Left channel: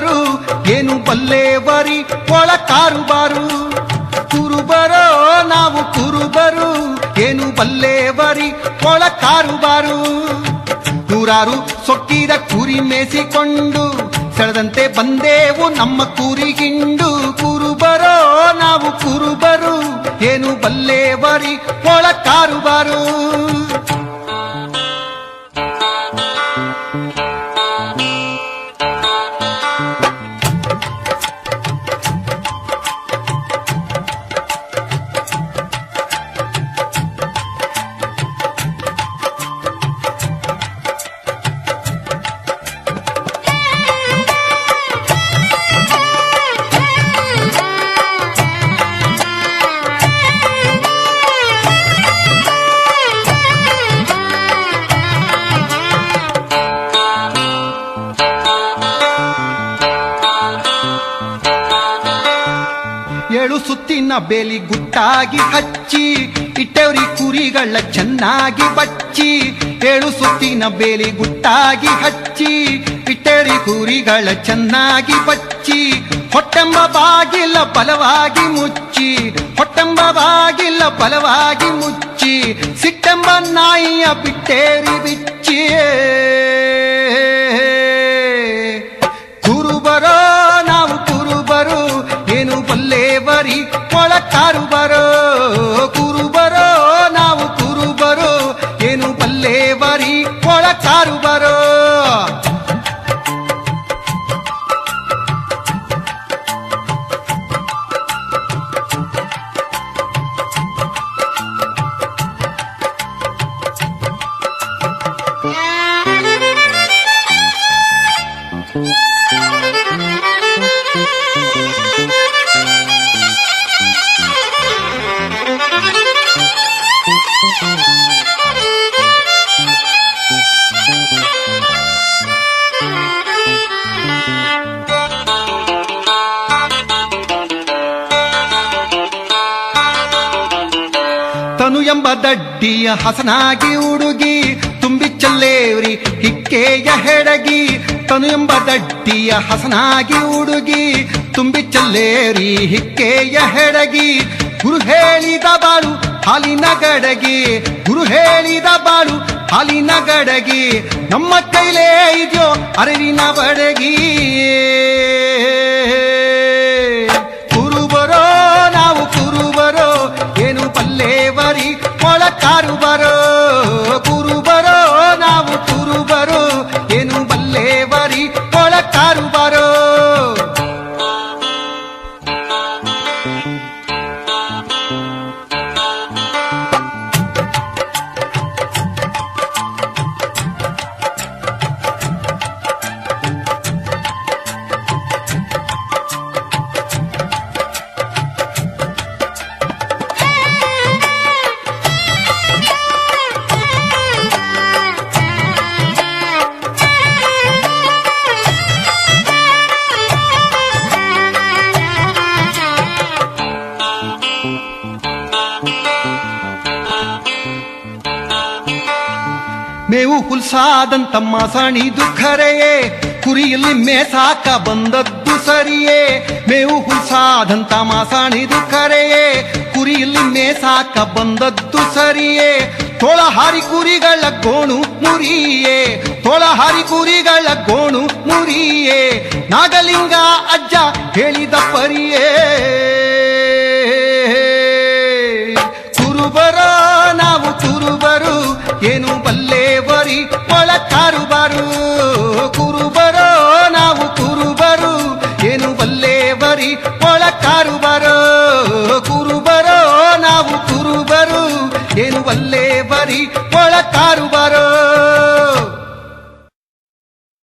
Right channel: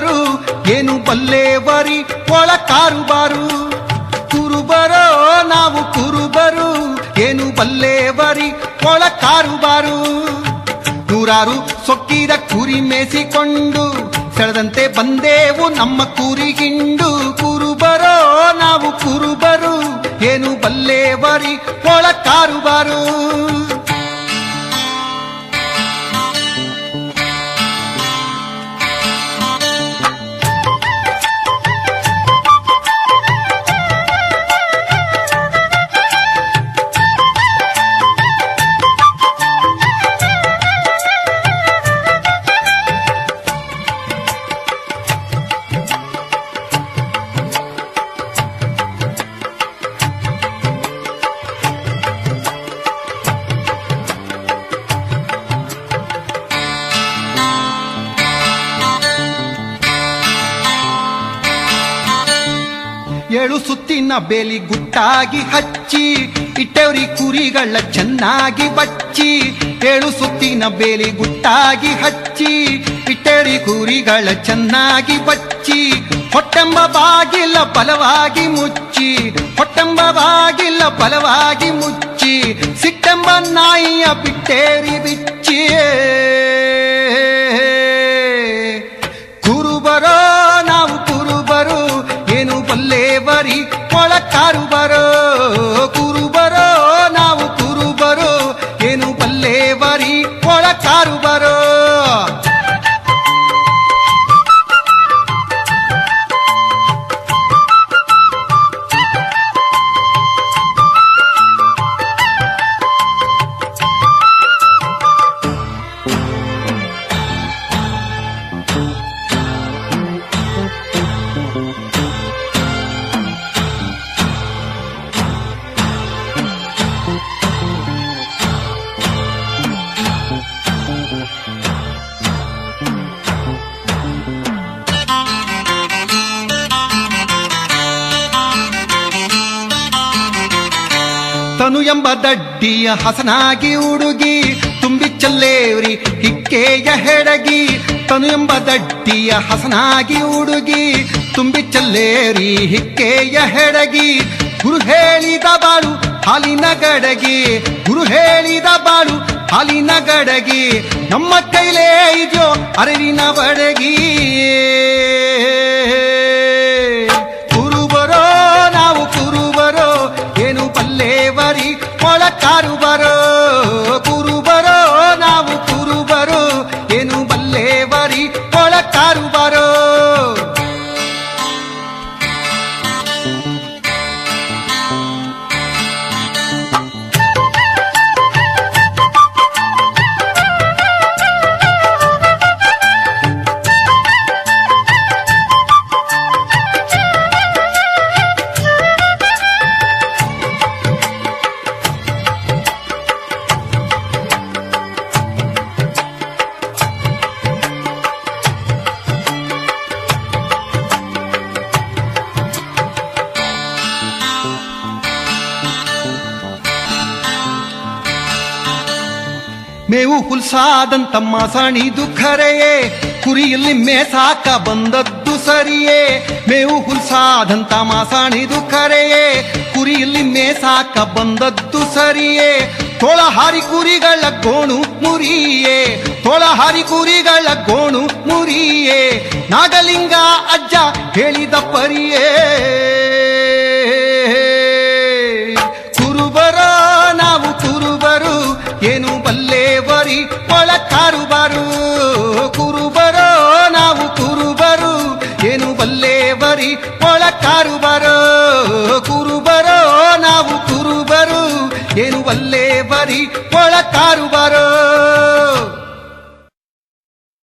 ಕುರುಬರು ಏನು ಬಲ್ಲೇವರಿ ಒಳ ಕಾರುಬಾರು. ಕುರುಬರೋ ನಾವು ಕುರುಬರು ಏನು ಬಲ್ಲೇವರಿ ಒಳ ಕಾರುಬಾರು. ನೂರಾರು ಸೊಕ್ಕಿದ ಕುರಿ ಮೇಸಿಕೊಂಡು ಸೆಳೆದಂತೆ ಬಂದೇವು ನಮ್ಮ ಕುರಿಗಿಂಡು. ಕುರುಬರೋ ನಾವು ಕುರುಬರು ಏನು ಬಲ್ಲೇವರಿ ಒಳ ಕಾರುಬಾರು. ಏಳು ಸುತ್ತಿನ ಬೇಲಿ ಗುಟ್ಟಾಗಿ ಹಚ್ಚಿ ಇಟ್ಟವ್ರಿ ಕುರಿಗಳ ಚೆನ್ನಾಗಿ ಬಚ್ಚಿ. ಏಳು ಸುತ್ತಿನ ಬೇಲಿ ಗುಟ್ಟಾಗಿ ಹಚ್ಚಿ ಇಟ್ಟವ್ರಿ ಕುರಿಗಳ ಚೆನ್ನಾಗಿ ಬಚ್ಚಿ. ಹೊಟ್ಟೆಂಬ ಬಾಗಿಲ ಬಲವಾಗಿ ಮುಚ್ಚಿ, ಹೊಟ್ಟೆಂಬ ಬಾಗಿಲ ಬಲವಾಗಿ ಮುಚ್ಚಿ. ಸಿಟ್ಟೆಂಬ ನಾಯಿಯ ಬಿಟ್ಟೇರಿ ಬಿಚ್ಚಿ. ಕುರುಬರೋ ನಾವು ಕುರುಬರು ಏನು ಬಲ್ಲೇವರಿ ಒಳ ಕಾರುಬರೋ. ಕುರುಬರೋ ನಾವು ಕುರುಬರು ಏನು ಬಲ್ಲೇವರಿ ಒಳ ಕಾರುಬರೋ. ತನು ಎಂಬ ದಡ್ಡಿಯ ಹಸನಾಗಿ ಹುಡುಗಿ ತುಂಬಿ ಚಲ್ಲೇವ್ರಿ ಹಿಕ್ಕೆಯ ಹೆಡಗಿ. ತನು ಎಂಬ ದಡ್ಡಿಯ ಹಸನಾಗಿ ಹುಡುಗಿ ತುಂಬಿ ಚಲ್ಲೇವ್ರಿ ಹಿಕ್ಕೆಯ ಹೆಡಗಿ. ಗುರು ಹೇಳಿದ ಬಾಳು ಹಾಲಿನ ಗಡಗಿ, ಗುರು ಹೇಳಿದ ಬಾಳು ಹಾಲಿನ ಗಡಗಿ. ನಮ್ಮ ಕೈಲೇ ಇದೆಯೋ ಅರಿವಿನ ಬಡಗಿ. ಕುರುಬರೋ ನಾವು ಕುರುಬರೋ ಏನು ಬಲ್ಲೇವರಿ ಒಳ ಕಾರುಬರೋ. ಕುರುಬರೋ ನಾವು ಕುರುಬರೋ ಏನು ಬಲ್ಲೇವರಿ ಒಳ ಕಾರುಬರೋ. ಮೇವು ಹುಲ್ಸಾದಂತ ಮಾಸಣಿದು ಖರೆಯೇ, ಕುರಿಯಲ್ಲಿ ಮೇಸಾಕ ಬಂದದ್ದು ಸರಿಯೇ. ಮೇವು ಹುಲ್ಸಾದಂತ ಮಾಸಣಿದು ಖರೆಯೇ, ಕುರಿಯಲ್ಲಿ ಮೇಸಾಕ ಬಂದದ್ದು ಸರಿಯೇ. ತೋಳಹಾರಿ ಕುರಿಗಳ ಗೋಣು ಮುರಿಯೇ, ತೋಳಹಾರಿ ಕುರಿಗಳ ಗೋಣು ಮುರಿಯೇ. ನಾಗಲಿಂಗ ಅಜ್ಜ ಹೇಳಿದ ಪರಿಯೇ. ಕುರುಬರೋ ನಾವು ಕುರುಬರು ಏನು ಬಲ್ಲೇವರಿ ಒಳ ಕಾರುಬಾರು. ಕುರುಬರೋ ನಾವು ಕುರುಬರು ಏನು ಬಲ್ಲೇವರಿ ಒಳ ಕಾರುಬಾರು. ಕುರುಬರೋ ನಾವು ಕುರುಬರು ಏನು ಬಲ್ಲೇವರಿ ಒಳ ಕಾರುಬಾರು.